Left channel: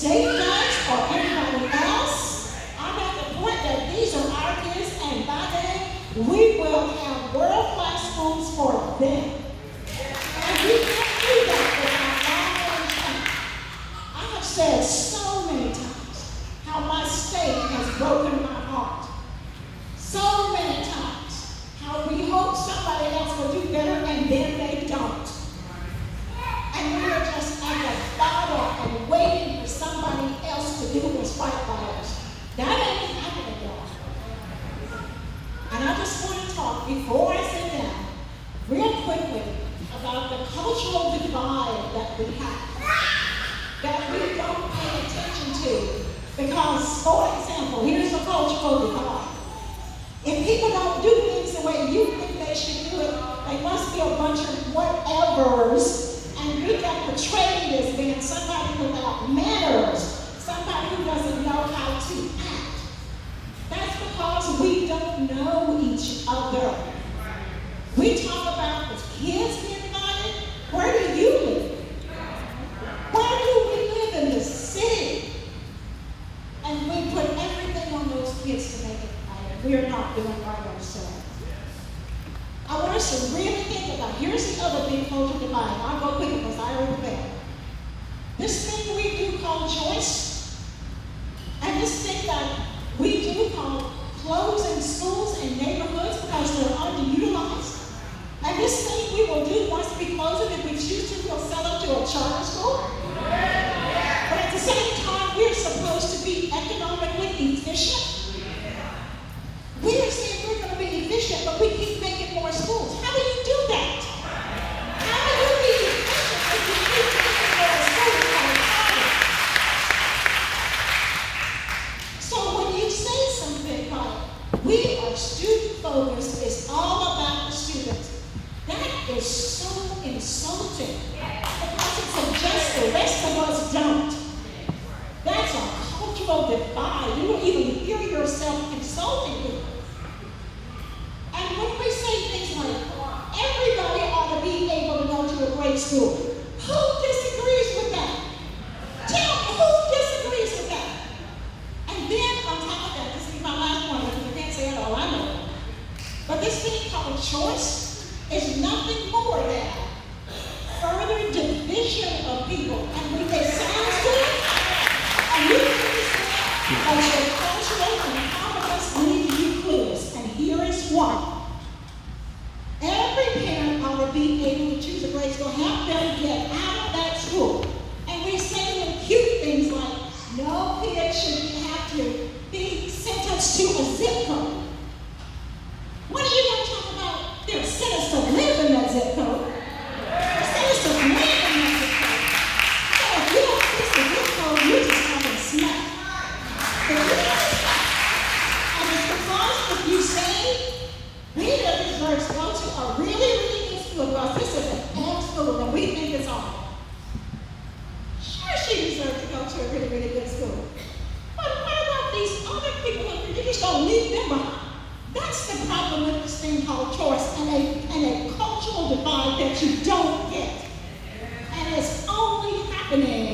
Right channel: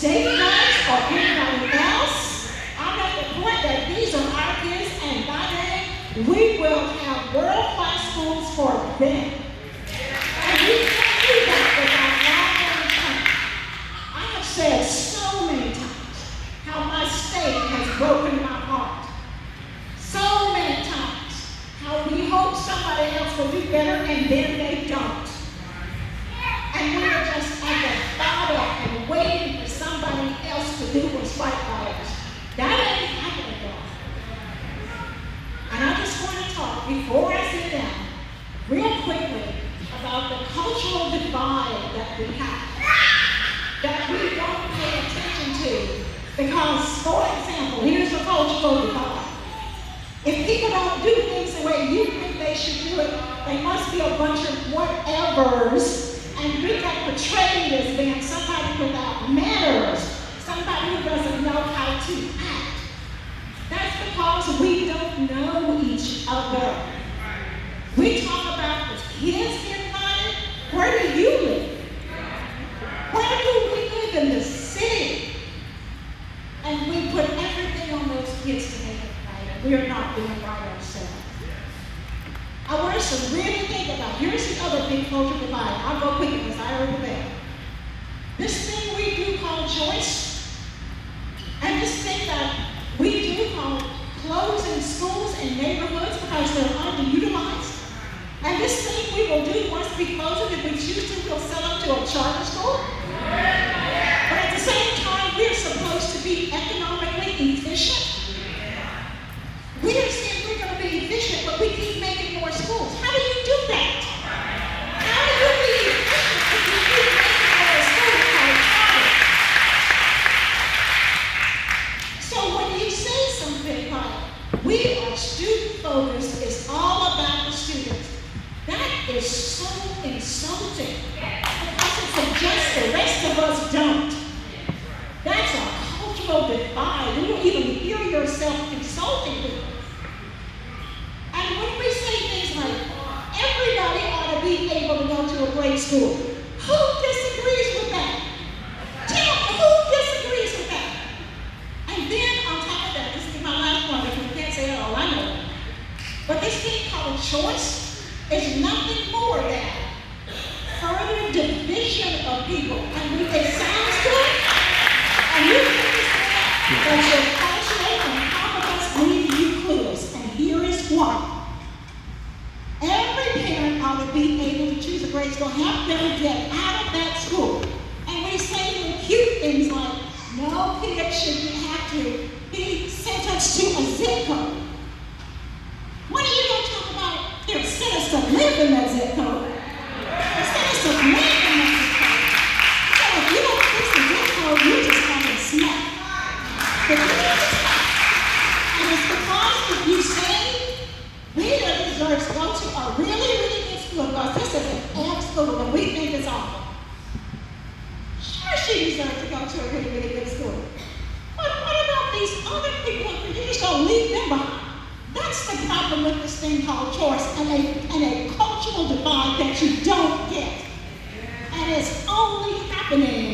state does or anybody else. I make the point that these are our kids, and by then we will have world-class schools for them. And we can't do that without our own time. I have said so many times how my state has broken my heart. So many times how we hope somebody else will do better and then they don't. And we are just at the bottom and waiting for somebody else to do what's right by us. That ain't happening, y'all. And I just want to talk, before I sit down, real quickly about the cultural divide that we have, that we don't pay attention to. Because, for example, here's a cultural divide. If people don't do things the way you think they should do it, they must be a bunch of whatevers. And we got portrayed as being somebody without manners, somebody who doesn't know how to act. That's because we don't know each other. We talk about the kids being violent. Where do you live? Where do we live in the city? And we put everything on those kids to make it violent. We are not doing right ourselves. I want us to really think about, here's the other big cultural divide. I'll go quick because I already failed. This thing we do called Joyce, and this thing that we do called closing schools and neighborhoods because they're underutilized. And this thing we will do once we close it, if we choose to, we'll sell it to a charter school. But at the same time, we're supposed to be economically efficient. We are saying we're going to be efficient, but we keep making more schools. How do you do that? How do you be efficient if you keep making more schools? So when you say something like, we are student focused, it's all about the students, that is so insulting because it suggests the rest of us don't. That's a cultural divide. You don't even hear yourself insulting people. And when we say things like, everybody ought to be able to go to a great school, who disagrees with that? Tell me, who disagrees with that? And then on top of that, this is my last point, because I can't say it all, I know. But this thing called choice is nothing more than further division of people. And it sounds good, and you think it's good, but you're cultural and how of us need to be clues. And here is one. Every parent ought to be able to choose a grade school, help them get out of that school. And we say little cute things like, no kid should have to be sentenced to a zip code. When are you going to talk about they're sentenced to live in that zip code? They're sentenced to live in that zip code. So if you don't fix the zip code, you just haven't snapped. But you don't stop. And it's because if you say, we deserve to go to a really, really good school, because this is an F school and we think it's awful. Sure, she deserves to go to a really, really good school. But what about these other people? You just don't leave them behind. That's the problem with this thing called choice and a cultural divide that you don't get. And it's only happening